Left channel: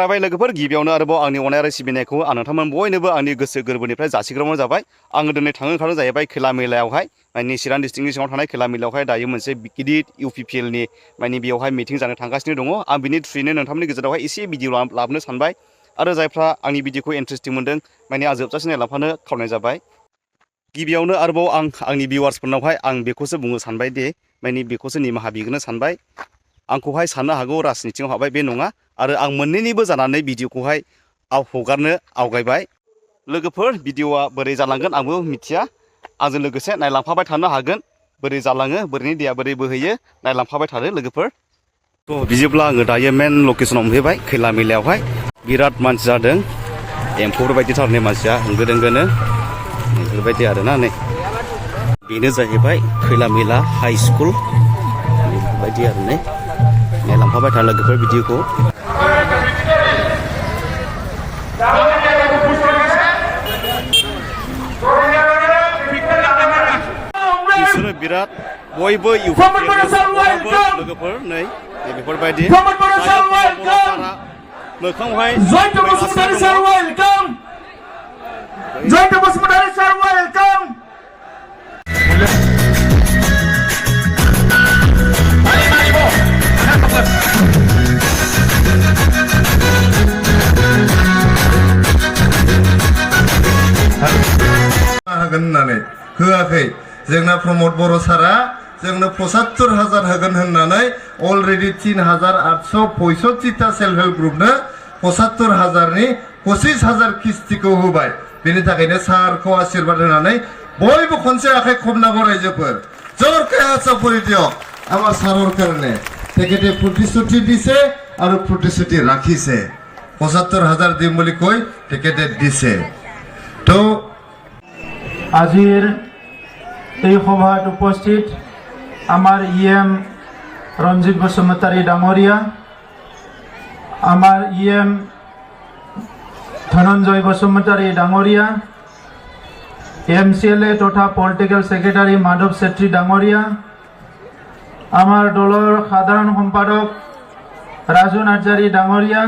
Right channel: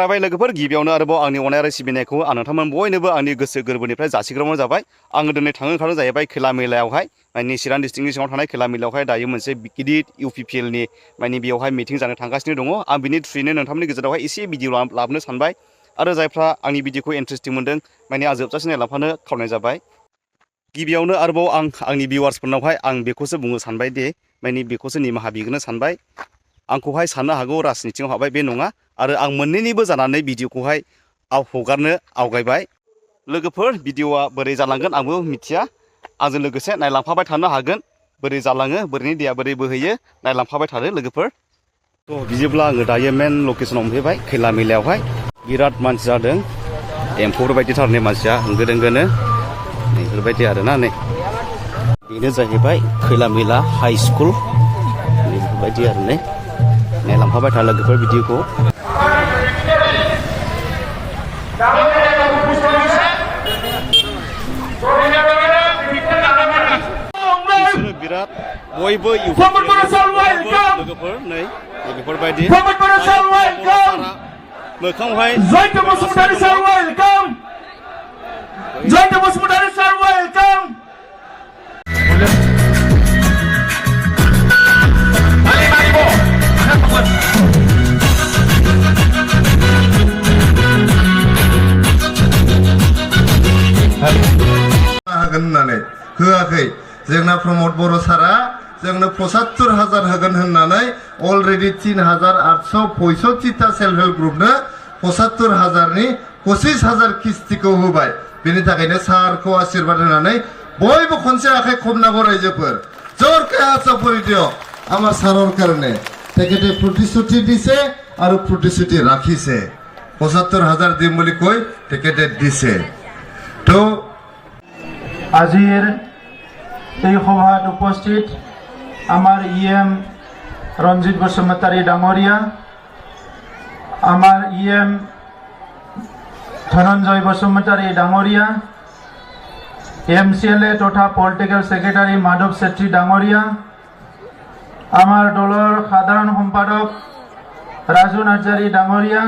बरायबाय लोगोफोर गिबियावनो आरोबाव आंनि अनाय आरो सिबिनायखौ आं नोंथांमोन बयनोबो आंनि गोसो गोरबोनिफ्राय जासिग्रोनाय जाबाय। आङो दिनै थांनो ओंखारनाय जाहैबाय खैला मेलायावहाय माने चिरां डिस्ट्रिक्टनि सिङाव थानाय खैला मेलायावहाय दायो मोनसे गिदिर इउपिपिएलनि माने बेयावहाय मिटिं जानो थांगासिनो दङ। आं बिनि थ्रुयैनो नोंथांमोननि गेजेरावहाय एसे भिडिअ लाबोनो सानबाय आरो जायफ्रा आंनि भिडिअखौ इन्टारेस्टिं मोनदों माने आं जोबजासिम नायलांफानो खावलायनाय जाबाय। गिबियावनो आरोबाव आंनि भिउवार्सफोरनावहाय आं बेखौसो बुंनो सानबाय दि माने बेखौसो निमाहा बिग्रोनो सानबाय। आंखौहाय साननो हागौ राजनितियाव हाबबाय बे नङा आरो आं मोननैनिबो जानानै भिडिअखौहाय हगारनो आवगायबाय। लोगोफोर भिडिअआ बोरै जालांगोन आंबो मिथिया, आंजों लोगोसे नायलांफाबाय थानो हागोन। बोरै जालाङो बोरैनि दैया बोरै बोहैयो नायलांफाबाय थादो लोगोफोर। थ' बिदिब्ला आङो दायो मेन लकेसनाव मोनफैबाय खैला मेलायावहाय। बिराद मानसि जादों, एम्फौफोर बायदि थारनि मानसिया होंगो दोंगोनो बेफोरबायदि आरोना। नै बेनो जाहैबाय खैला मेला हाइ स्कुल बेफोरबायदि आरो ने। नायलांफाबाय था लोगोफोर भिडिअखौ। बिसोरो बिराद बयबो लोगोफोर नै बेफोरबायदि मोखाङावहाय होगोन होननानै होआखै। जोंना प्रमद बर' सारा जोंनो 75,000 होगोन होननानै अलरेडि 3,865टा सेल्फ हेल्प ग्रुपनो 75,000नि 25,000 किस्तिखौ होबाय। बेनि थाखायनो सारखौ आशीर्बाद होनानै बयबो खनसे आखाइ खबनांगौ रायजोफोर। জোরকে চাপৰি দিয়ক আমাৰ সাৰৰ কাৰণে। তেখেতে প্ৰতিশ্ৰুতি দিছে আৰু প্ৰতিশ্ৰুতি ৰাখিছে। 75,000 দিম বুলি কৈ তেখেতে দিছে। তো আজিৰ এই সভাত উপস্থিত আমাৰ ইএম ৰঞ্জিত বসুমতাৰী ডাঙৰীয়া, আমাৰ ইএম ধনঞ্জয় বসুমতাৰী ডাঙৰীয়া, MCLA তথা পলিটিক্যাল সেক্রেটারি মাধৱ চেত্ৰী ডাঙৰীয়া, আমাৰ দলৰ সাধাৰণ সম্পাদক ৰাজু নাৰ্জাৰী ডাঙৰীয়া,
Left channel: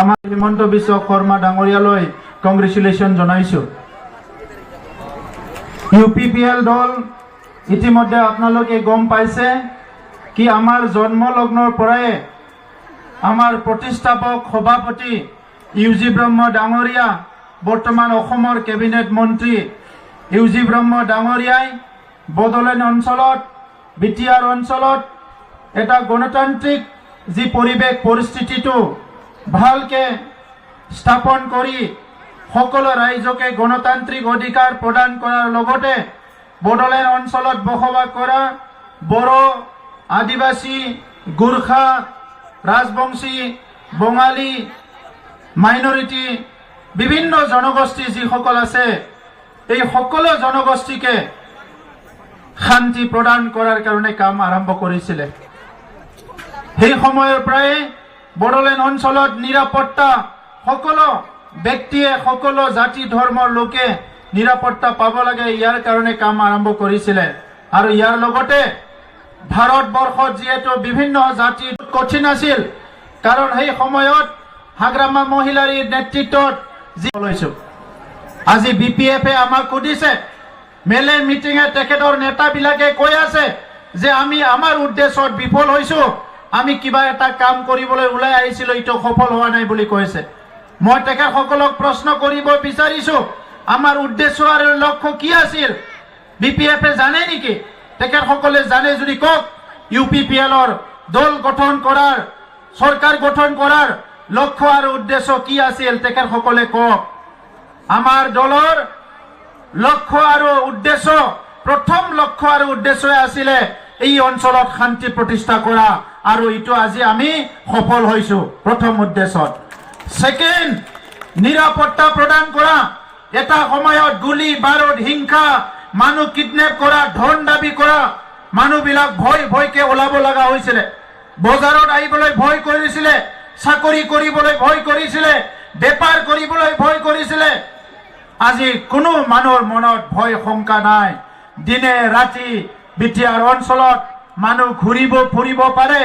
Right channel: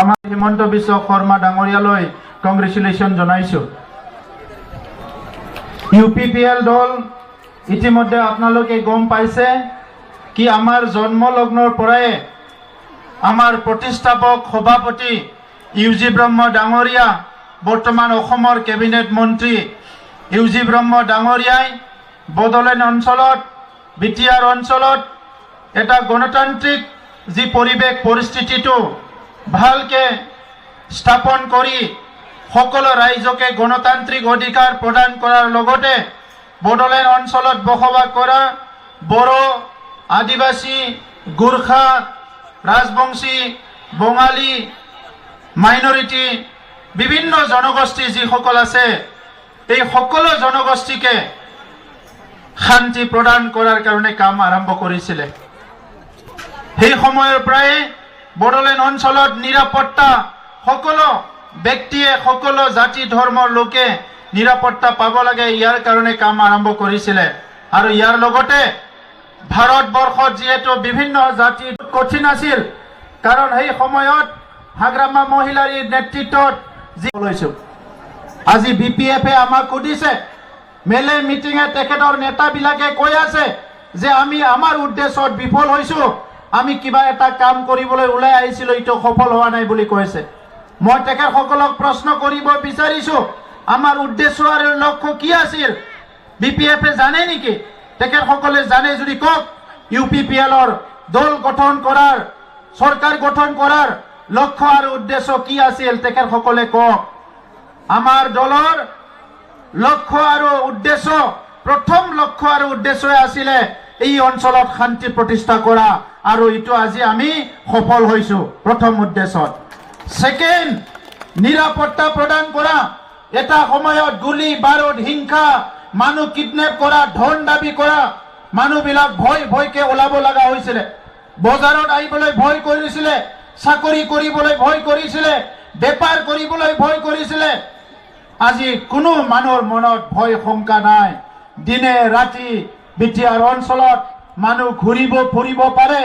আমাৰ হিমন্ত বিশ্ব শৰ্মা ডাঙৰীয়ালৈ কংগ্ৰেচুলেশ্যন জনাইছোঁ। UPPL দল ইতিমধ্যে আপোনালোকে গম পাইছে কি আমাৰ জন্মলগ্নৰ পৰাই আমাৰ প্ৰতিষ্ঠাপক সভাপতি UG ব্ৰহ্ম ডাঙৰীয়া, বৰ্তমান অসমৰ কেবিনেট মন্ত্ৰী UG ব্ৰহ্ম ডাঙৰীয়াই বড়োলেণ্ড অঞ্চলত বিটিআৰ অঞ্চলত এটা গণতান্ত্ৰিক যি পৰিৱেশ পৰিস্থিতিটো ভালকে স্থাপন কৰি সকলো ৰাইজকে গণতান্ত্ৰিক অধিকাৰ প্ৰদান কৰাৰ লগতে বড়োলেণ্ড অঞ্চলত বসবাস কৰা বড়ো, আদিবাসী, গোৰ্খা, ৰাজবংশী, বঙালী, মাইনৰিটি বিভিন্ন জনগোষ্ঠী যিসকল আছে এই সকলো জনগোষ্ঠীকে শান্তি প্ৰদান কৰাৰ কাৰণে কাম আৰম্ভ কৰিছিলে। সেই সময়ৰ পৰাই বড়োলেণ্ড অঞ্চলত নিৰাপত্তা সকলো ব্যক্তিয়ে সকলো জাতি ধৰ্মৰ লোকে নিৰাপত্তা পাব লাগে, ইয়াৰ কাৰণে কাম আৰম্ভ কৰিছিলে। আৰু ইয়াৰ লগতে ভাৰতবৰ্ষত যিহেতু বিভিন্ন জাতি কঠিন আছিল, কাৰণ সেই সময়ত হাগ্ৰামা মহিলাৰ নেতৃত্বত যি লৈছো আজি BPF আমাক সুধিছে, মেলে মিটিঙে তেখেতৰ নেতাবিলাকে কৈ আছে যে আমি আমাৰ উদ্দেশ্যত বিফল হৈছো, আমি কিবা এটা কাম কৰিবলৈ ওলাই আহিছিলো, এইটো সফল হোৱা নাই বুলি কৈছে। মই তেখেতসকলক প্ৰশ্ন কৰিব বিচাৰিছো, আমাৰ উদ্দেশ্য আৰু লক্ষ্য কি আছিল? BPF জানে নেকি? তেখেতসকলে জানে যদি কওক। UPPLৰ দল গঠন কৰাৰ, চৰকাৰ গঠন কৰাৰ লক্ষ্য আৰু উদ্দেশ্য কি আছিল তেখেতসকলে কওক। আমাৰ দলৰ লক্ষ্য আৰু উদ্দেশ্য, প্ৰথম লক্ষ্য আৰু উদ্দেশ্য আছিলে এই অঞ্চলত শান্তি প্ৰতিষ্ঠা কৰা, আৰু এইটো আজি আমি সফল হৈছো প্ৰথম উদ্দেশ্যত। সেকেন্ড, নিৰাপত্তা প্ৰদান কৰা। এটা সময়ত গুলি বাৰুদ, হিংসা, মানুহ কিডনেপ কৰা, ধন দাবী কৰা, মানুহবিলাক ভয়কে ওলাব লগা হৈছিলে, বজাৰত আহিবলৈ ভয় কৰিছিলে, চাকৰি কৰিবলৈ ভয় কৰিছিলে, বেপাৰ কৰিবলৈ ভয় কৰিছিলে। আজি কোনো মানুহৰ মনত ভয় শংকা নাই। দিনে ৰাতি বিটিআৰ অঞ্চলত মানুহ ঘূৰিব ফুৰিব পাৰে,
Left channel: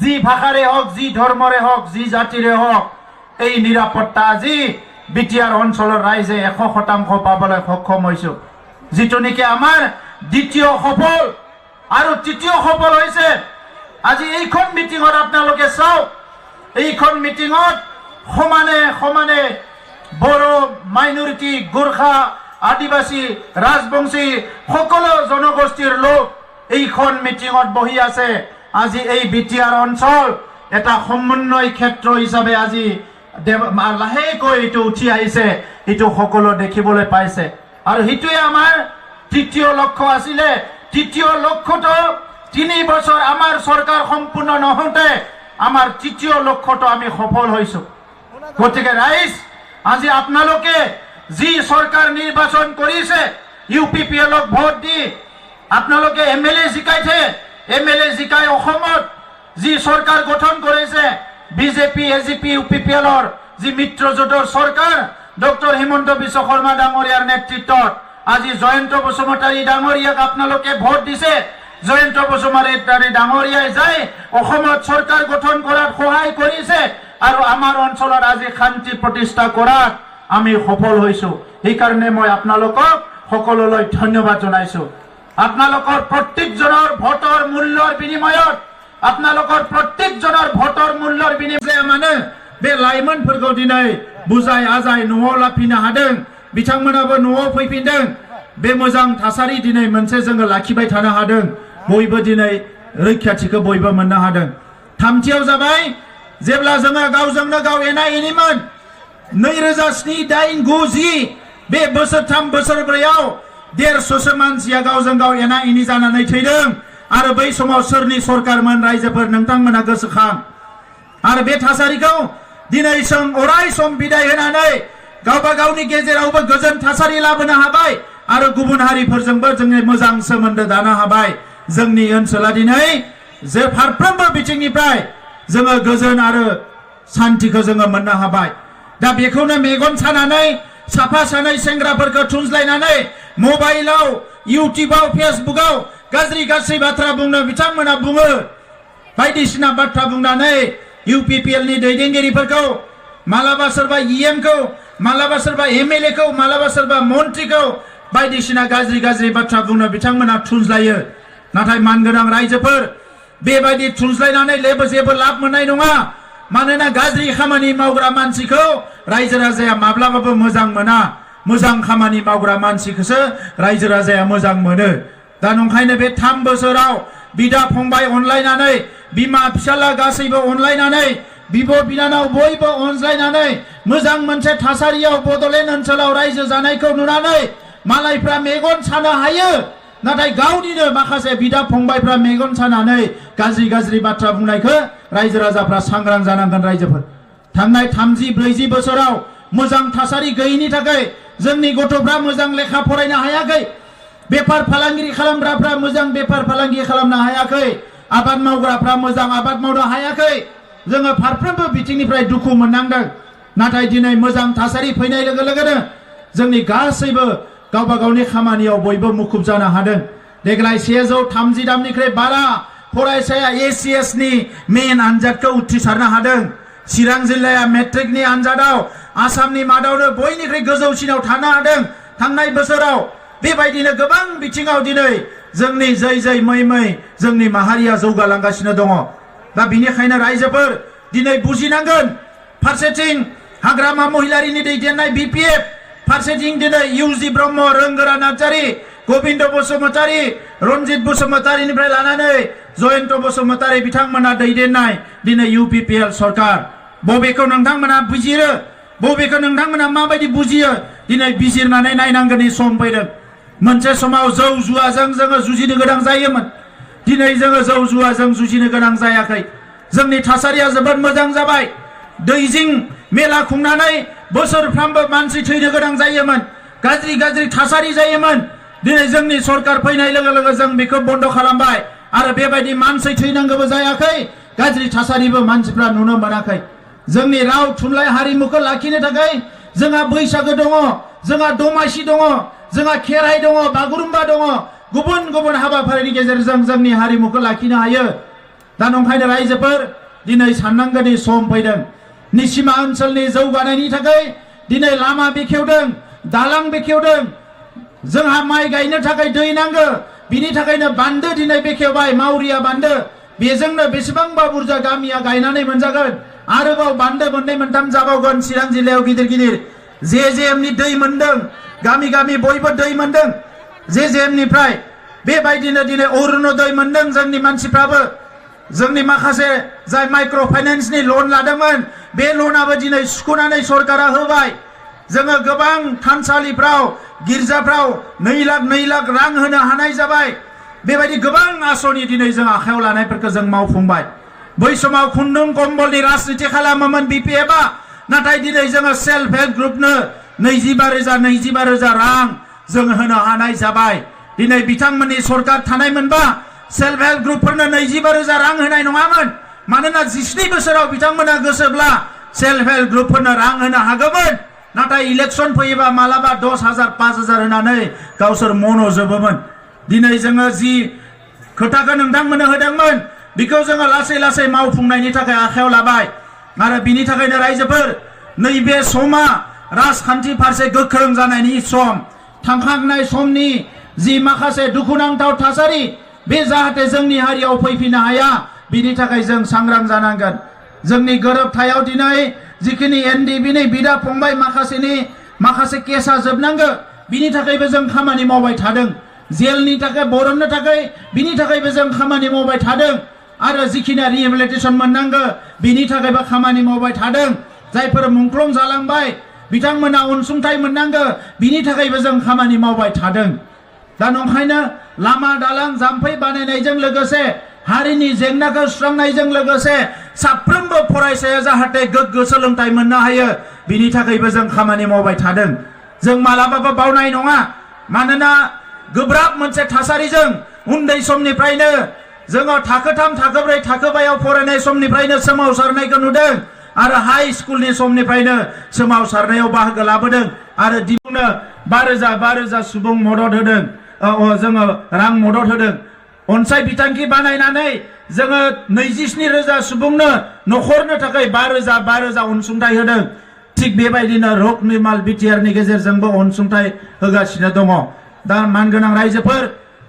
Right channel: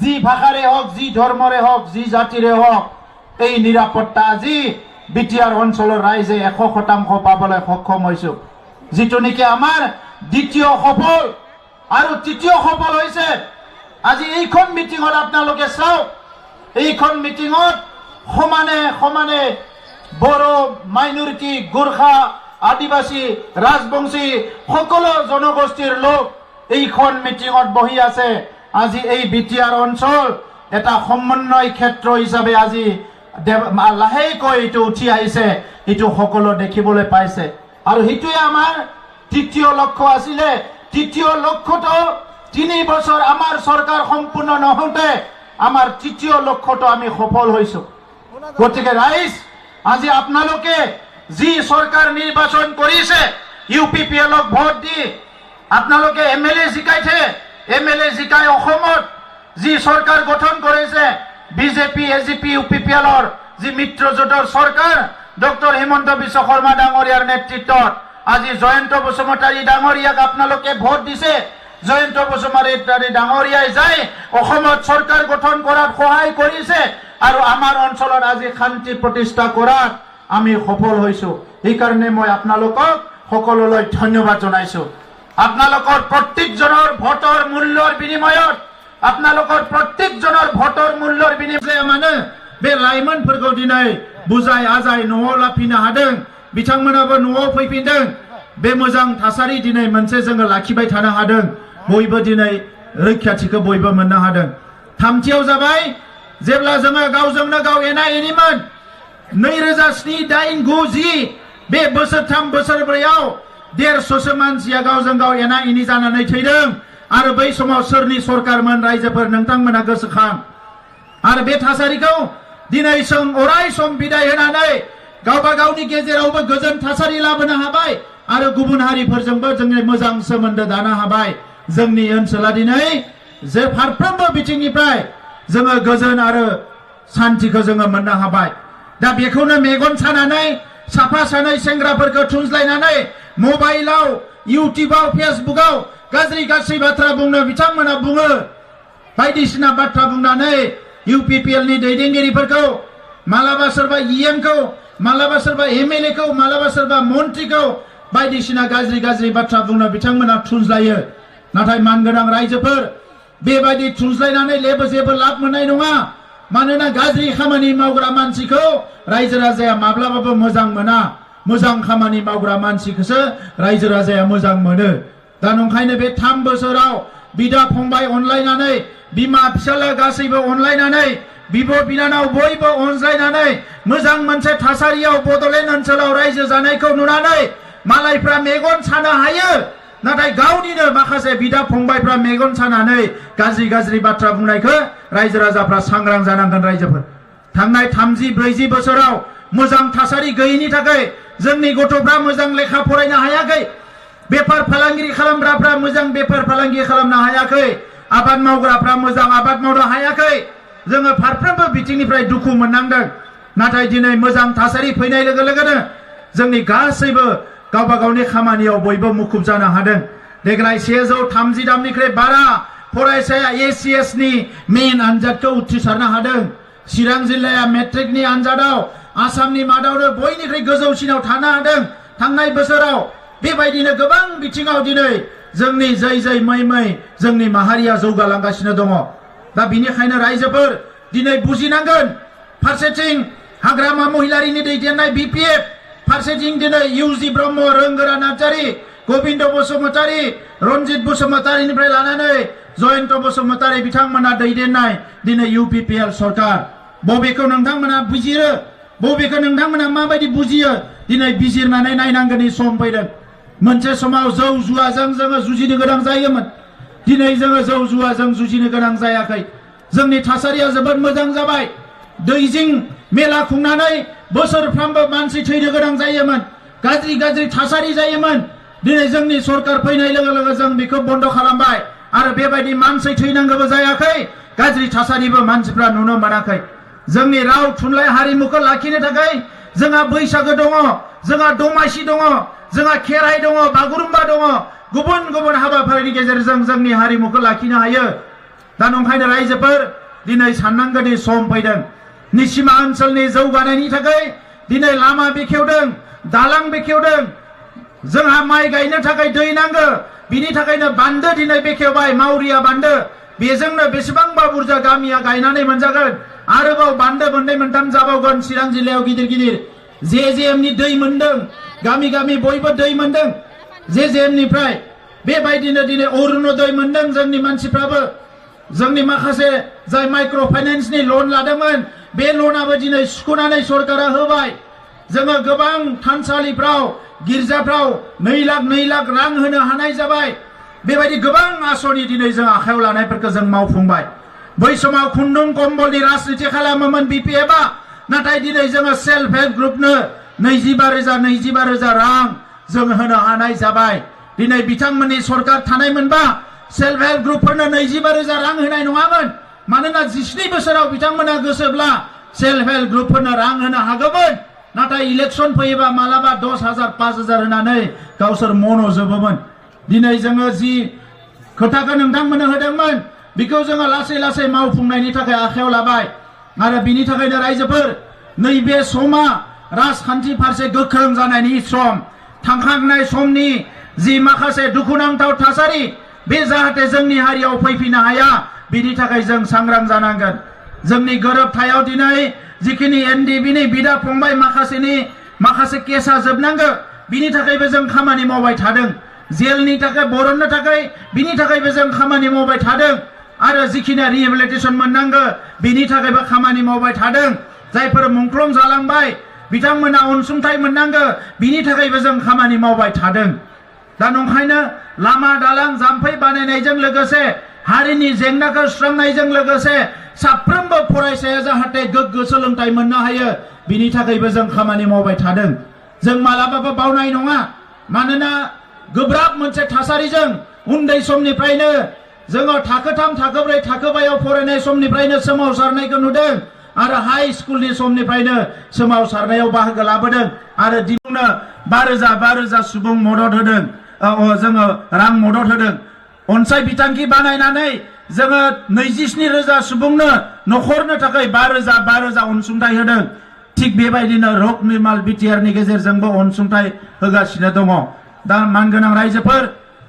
যি ভাষাৰে হওক, যি ধৰ্মৰে হওক, যি জাতিৰে হওক, এই নিৰাপত্তা আজি বিটিআৰ অঞ্চলৰ ৰাইজে 100% পাবলৈ সক্ষম হৈছো। যিটো নেকি আমাৰ দ্বিতীয় সফল। আৰু তৃতীয় সফল হৈছে আজি এইখন মিটিঙত আপোনালোকে চাওক, এইখন মিটিঙত সমানে সমানে বড়ো মাইনৰিটি, গোৰ্খা, আদিবাসী, ৰাজবংশী সকলো জনগোষ্ঠীৰ লোক এইখন মিটিঙত বহি আছে। আজি এই বিটিআৰ অঞ্চল এটা সমন্বয় ক্ষেত্ৰ হিচাপে আজি লাহেকৈ এইটো উঠি আহিছে, এইটো সকলো দেখিবলৈ পাইছে। আৰু সেইটোৱে আমাৰ তৃতীয় লক্ষ্য আছিলে। তৃতীয় লক্ষ্যটো 3 বছৰ আমাৰ চৰকাৰ সম্পূৰ্ণ নহওঁতে আমাৰ তৃতীয় লক্ষ্যটো আমি সফল হৈছো। গতিকে ৰাইজ, আজি আপোনালোকে যি চৰকাৰ নিৰ্বাচন কৰিছে, UPPLক ভোট দি আপোনালোকে MLA জিকাইছে, MLA জিকাই অসমত যি চৰকাৰ গঠন কৰিছে, BJP, AGP, UPPLৰ যি মিত্ৰজোঁটৰ চৰকাৰ, ডক্টৰ হিমন্ত বিশ্ব শৰ্মা ডাঙৰীয়াৰ নেতৃত্বত আজি জয়ন্ত বসুমতাৰী ডাঙৰীয়াক আপোনালোকে ভোট দিছে। জয়ন্ত বসুমতাৰী ডাঙৰীয়াই যাই অসমত চৰকাৰ গঠন কৰাত সহায় কৰিছে আৰু আমাৰ অঞ্চলত আজি শান্তি প্ৰতিষ্ঠা কৰাত আমি সফল হৈছো। সেইকাৰণে মই আপোনালোকক সকলোলৈ ধন্যবাদ জনাইছো। আপোনালোকৰ প্ৰত্যেকজনৰ ভোটৰ মূল্যৰ বিনিময়ত, আপোনালোকৰ প্ৰত্যেকজনৰ ভোটৰ মূল্যৰ বিনিময়ত মানে बे लाइमोनफोरखौ दिनै बुजाय आजाय न'आव लाफिनो हादों, बिथांमोनाबो न'आव फैफिनदों। बे मोजां थासारि दिनै मोनसे जोङो लाखिबाय थानो हादों। बयबो दिनै रैखाथिखौ बयबो मोननो हादों। थामथियाव जाबाय जेब्ला जोङो गावजोंनो गाव एना एनिमोन 2007, 8, 9, 10 बे बोसोरथाम बोसोरब्रैयाव 150 मानसिया गावजों गाव एना एनि जानानै थैदों। आरो बै समाव सोरनि सरकारमोन रायजोफोर नोंथांमोना गोसोखां। आरो बे थासारिखौ दिनै जों अराय सम बिदाय होनानै गावबा गावनि गेजेरावबो गोजोन थासारि लाबोनो हाबाय आरो गुबुन हारिफोरजोंबो जोंनि मोजां सोमोन्दो दानो हाबाय। जोंनि ओनसोला दिनै जे फारफ्रोमबो बिथिंनिफ्राय जोङो गोजोन आरो शान्तिखौ जोङो मोननो हाबाय। दा बेखौनो मेगन सानानै साफा सानै सेंग्राफोरखौ थुनज्लायनानै मबाइलाव, इउटिउबाव, फेसबुकाव गाज्रि गाज्रि बाथ्रा बुंनो बिथांमोना बुङो। बायदिसिना बाथ्रा बुंनानै UPPLनि दैदेनगिरिफोरखौ, मालाबा सोरबा EMखौ, मालाबा सोरबा MLAखौ, मालाबा सोरबा मन्त्रिखौ बायदिसिना गाज्रि गाज्रि बाथ्रा बुंनो बिथांमोना थुनज्लायो। नाथाय मानगोनां रायजोफोर, बेबायदि थुनज्लायनानै जेबो लाब मोननाय नङा। मानोना गाज्रि खामानि मावग्रा मानसिखौ रायजो राजाया माब्लाबाबो मोजां मोना। मोजां खामानि मावग्रा मानसिखौसो रायजो राजाया मोजां मोनो। दा नंखायनो बे 3 बोसोराव बिदा फंबाय अनलायनानै, बिमा फिसाला गासैबो अनलायनानै, बिब' बिनानाव बयबो अनज्लायनानै मोजां मोनसे थासारियाव बड'लेण्ड ओनसोलाव रायजो जानायखौ नुनानै मालायफ्रा मेगन सानो हायो। नाथाय गावनिनो माखासे बिदा फंबायफ्रा मेगन सानानै गाज्रि गाज्रि बाथ्रा बुंनायखौ रायजो राजाफ्रा सांग्रां जानांगोन। रायजोफोर, थांनाय 30-40 बोसोराव मोजां थासारि गैयैनि थाखाय जोंनि गथ'फ्रा मोजां लेखा फरायनो हायाखै। बेफार फालांगि खालामग्राफ्रा मोजां बेफार फालांगि खालामनो हायाखै। आबाद मावग्राफ्रा मोजां आबाद मावनो हायाखै। जोङो फारफ्रोमबो बिथिंनिफ्राय दुखु मोननांदों। नाथाय दिनै मोजां थासारि फैनाय लोगो लोगोनो जोंनि गासैबो गावबा गावनि खामानियाव बयबो मुखुब जानो हादों। देग्लाय 130 दामनिख्रुइ बारा फरायसाया ACSनि मेन आनजादखौ उथ्रिसारनो हादों। चिरां जिल्लाया मेट्रिकनि आनजादाव आसामनि मादावनो बयनिख्रुइ गोजौसिनाव थानो हादों थांनाय बोसोराव। बेबायदिनो गोबां बिथिङाव दिनै जोंनि जै मै मै जोंनि माहारिया जौगालांगासिनो दङ। दा बिनिखायनो रायजोफोर दिनै बुजिनांगोन। फारसेथिं हाग्रामा महिलारिनि दैदेननाय BPF, फारसेथिं दिनै UG ब्रह्म, रोंगोरा नार्जारी, गोविन्द बसुमतारी, रन्जित बसुमतारीनिफ्राय लानानै जयन्त बसुमतारी बिथांमोना दैदेननाय दिनै UPPL सरकार। बबेखौ नोंथांमोना बुजियो, बबेखौ नोंथांमोना माबायदि बुजियो, दिनै बिजिरनानै नायनांगोननि सम फैदों। मोनसे समाव जौ जुवाजों जोङो जुजिनो गोनां जायोमोन। दिनै जोङो जौ जुवाजों जुजिनो गोनां जायाखै। जोंनि थासारिया जोबोद मोजां जाबाय। दैजिं मेला खुंनानै बोसोरफ्रामबो मानसि थैनो गोनां जायोमोन। गाज्रि गाज्रि थासारि जायोमन। दिनै जोंनि सरकार फैनाय लोगो लोगो जों बेखौ बन्द खालामबाय आरो बेबायदि मानसि थैनांगौबो जायाखै। गाज्रि थासारिबो मानसिफ्रा नुनो मोनाखै। जोंनि राव थुनलाइ हारिमुखौ लाखिनो थाखाय जोंहा बैसागो दङ, जोंहा दमासि दङ, जोंहा खेराइ दङ, बागुरुम्बा दङ। गुबुन गुबुन हाबाफारिनि गेजेरजों जोंनि हारिमुखौ लाखिनो हायो। दा नंखायनो रायजोफोर दिनै साननांगौनि सम फैदों निसिमा ओनसोलनि जौगानायनि थाखाय दिनै लामा बेखेवदों दालां बेखेवदों जोंहा माइ गायनो थाखाय दै नांगौ बिनि थाखायनो बान्दो दिनै बेखेवबाय मावरिया बान्दो बेजोंनो बेसेबांबा बुरजा गामिया गायनानै मोनजागोन आरोबाव बान्दो मोननै मोनथाम जाबावगोन चिरां जिल्लायाव गिदिर गिदिर जेजेएमनि दै मोनदों गामि गामि बयबो दै मोनदों जेजेएमनिफ्राय बेबायदिनो दिनै अरुणोदय मोनदों जोंनि मानसिफ्राबो जोंनि माखासे जाय माइक्र' फाइनान्सनि लन लादोंमोन बे लनाबो दिनै सुख'नानै सरकारा होबाय जोङो गोबां थानसालिफ्राव गिर्जाफ्राव 2 लाख रां होनो हानाय जाबाय बेबायदि गोबां आसनि दिनै जों आखायाव लानायफोरखौ जों मावफुंबाय बै समाव खुन्दुं कम्बलनि राजनिति खालामोमोन बिपिएफआ नाथाय दिनै जोङो सेल्फ हेल्प ग्रुपनो 25,000 रां जों होनो हानाय जाबाय दिनै बिथांमोननि सरकार थानायमोनबा सेल्फ हेल्प ग्रुपफोरनो 25,000 रां होनाय नङामोन मानोना 17 बोसोराव बिथांमोना गोसोब्ला सेल्फ हेल्प ग्रुपफोरनो रां होनो हागौमोन नाथाय इलेक्सन फैयोबा मालाबा 10,000 5,000 होनानै गावसोर मन'जोबोमोन दिनै जोङो जि खोथाखौ नोंथांमोननो होदोंमोन बेखौ जोङो लासै लासै मावफुंनायनि थाखाय आखायाव लाबाय आरो बिनि थाखायनो रायजोफोर नैबे समा राजखान्थि फारसे गोख्रों जानायनि सम थांखांनाय समनि जि माखासे दुखुनांथाव थासारि बे जाहाथे जोंनि हारियाव फैफिननो हाया बिनि थाखाय जों सांग्रां जानांगोन जोंनि गोरोबथायाव दिनै जिखिनि एनडिबिनि बिदा फंबाय माखासे केसा जोबनांगौ बिनि थाखायबो जों खामानि मावबाय थादों जेलनि थाखाय बरननो थाखाय बिनि थाखायबो जों खामानि मावबाय थादों आरो जिखिनि रिहेबिलिटेसन मोननांगौ बिनि थाखायबो खामानि मावबाय थादों जायफोर मुंख्लं जालांबाय बिथांमोना अनसुंथाइ मोननांगौ बिनि थाखायबो जों खामानि मावबाय थादों दा नंखायनो लामा दालां जाम्फै बानायनायजों लोगोसे हारिनि जेंनाखौ सुस्रांनायजों लोगोसे साफ्रोमबो फरायसाया जाहाथे गोग्गो सोलोंथाइ मोननो हायो बिनि थाखायबो जों खामानि मावबाय थादों जों मालाबाबो बावनाय नङा मानोना गोब्राब मोनसे थासारिजों उन्दै समनिफ्रायनो जोङो थाखो 3 थाखो 4 थाखो 5आव फरायनाय समनिफ्रायनो सोमावसारनायखौ नुदों आरो हाई स्कुलनि समनिफ्रायनो सोमावसारनायाव बाहागो लाबोदों आरो दिनैनो 5,000 सुबुं मदद होदों जोङो रां मदद होदों अनसाय बिथांखि बानायनानै जोङो 27,000 सुबुंनो न'खरनो थाखाय 5,000 अनसुंथाइ होदों थिग बेबायदिनो रक निर्माल बिटिआरनि गेजेरजोंबो अनसुंथाइ होगासिनो दङ दा मानगोनां रायजोफोर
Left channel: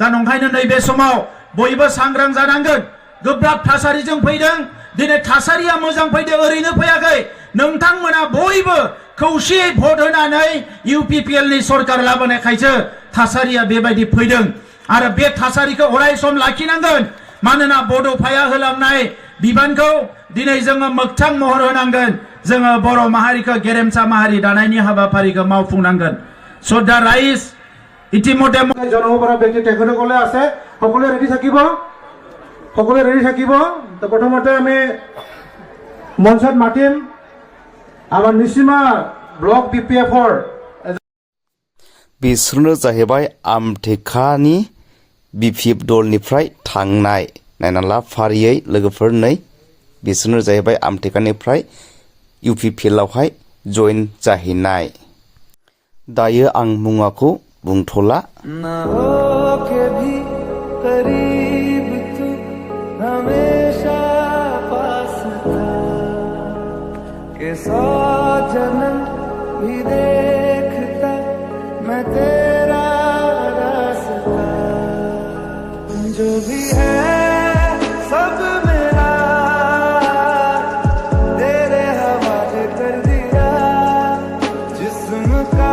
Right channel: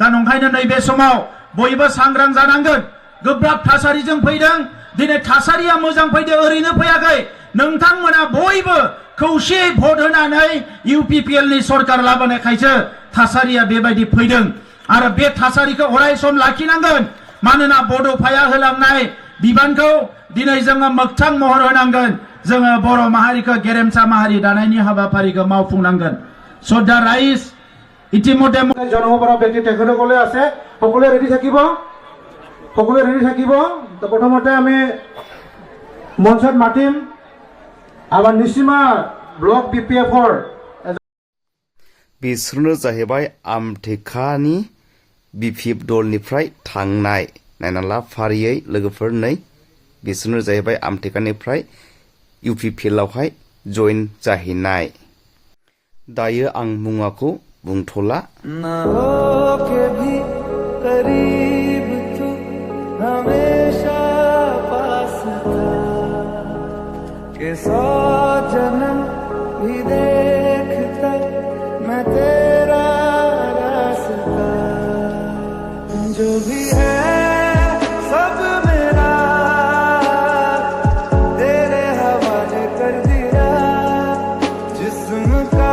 दा नंखायनो नैबे समाव बयबो सांग्रां जानांगोन गोब्राब थासारिजों फैदों दिनै थासारिया मोजां फैदों ओरैनो फैयाखै नोंथांमोना बयबो खौसेयै भट होनानै इउपिपिएलनि सरकार लाबोनायखायसो थासारिया बेबायदि फैदों आरो बे थासारिखौ अराय सम लाखिनांगोन मानोना बड'फाया होलांनाय बिबानखौ दिनै जोङो मोगथां महर होनांगोन जोङो बर' माहारिखौ गेरेमसा माहारि दानायनि हाबाफारिखौ मावफुंनांगोन स' दा राइज ইতিমধ্যে জন্ম পৰা ব্যক্তি তেখেতসকলে আছে সকলোৱে ৰেডি থাকিব তো প্ৰথমতে আমি মঞ্চত মাতিম আমাৰ নিচিমা ব্লক বিপিএফৰ बिसोरनो जाहैबाय आमटेकानि बिपिएफ दलनिफ्राय थांनाय नायना ला फारियै लोगोफोर नै बिसोरनो जाहैबाय आमटेकानिफ्राय इउपिपिएलआवहाय जइन जाहैनाय दायो आं मुङाखौ बुंथ'ला ना हो के भी करीब तू हमेशा पास था के 100 जन्म भी देखता मैं तेरा रास्ता जो भी है सब मेरा तेरे हवाले कर दिया जिस्म का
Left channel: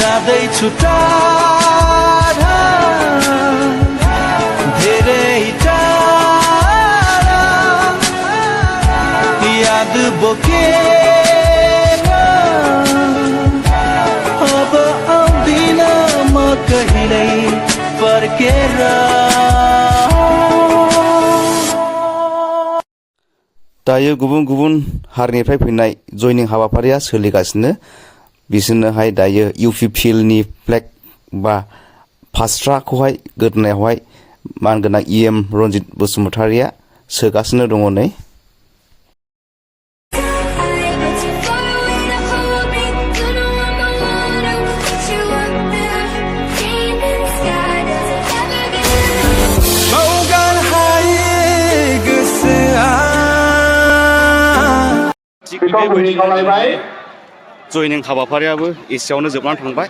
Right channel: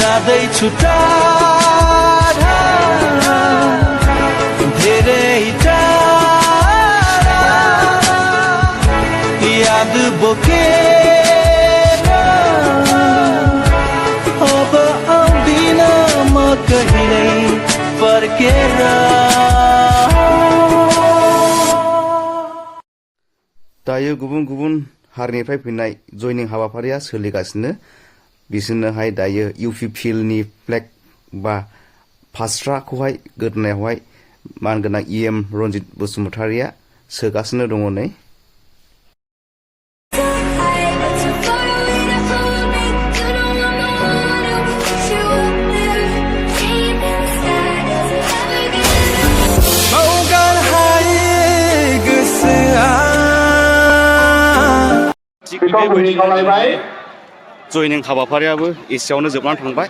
ज्यादै छुटा धेरै टाढा याद बोकेर अब आउँदिन म कहिल्यै फर्केर दायो गुबुन गुबुन हारिनिफ्राय फैनाय जयनिं हाबाफारिया सोलिगासिनो बिसोरनोहाय दायो इउपिपिएलनि फ्लेग बा फास्राखौहाय गोदोनायावहाय मानगोनां इएम रनजित बसुमतारिया सोगासिनो दङ नै But you're far away to hold me. You know I'm the one who थिग बेबायदिनो जयनिं हाबाफारियाबो एसेयावनो जोबनानै थांबाय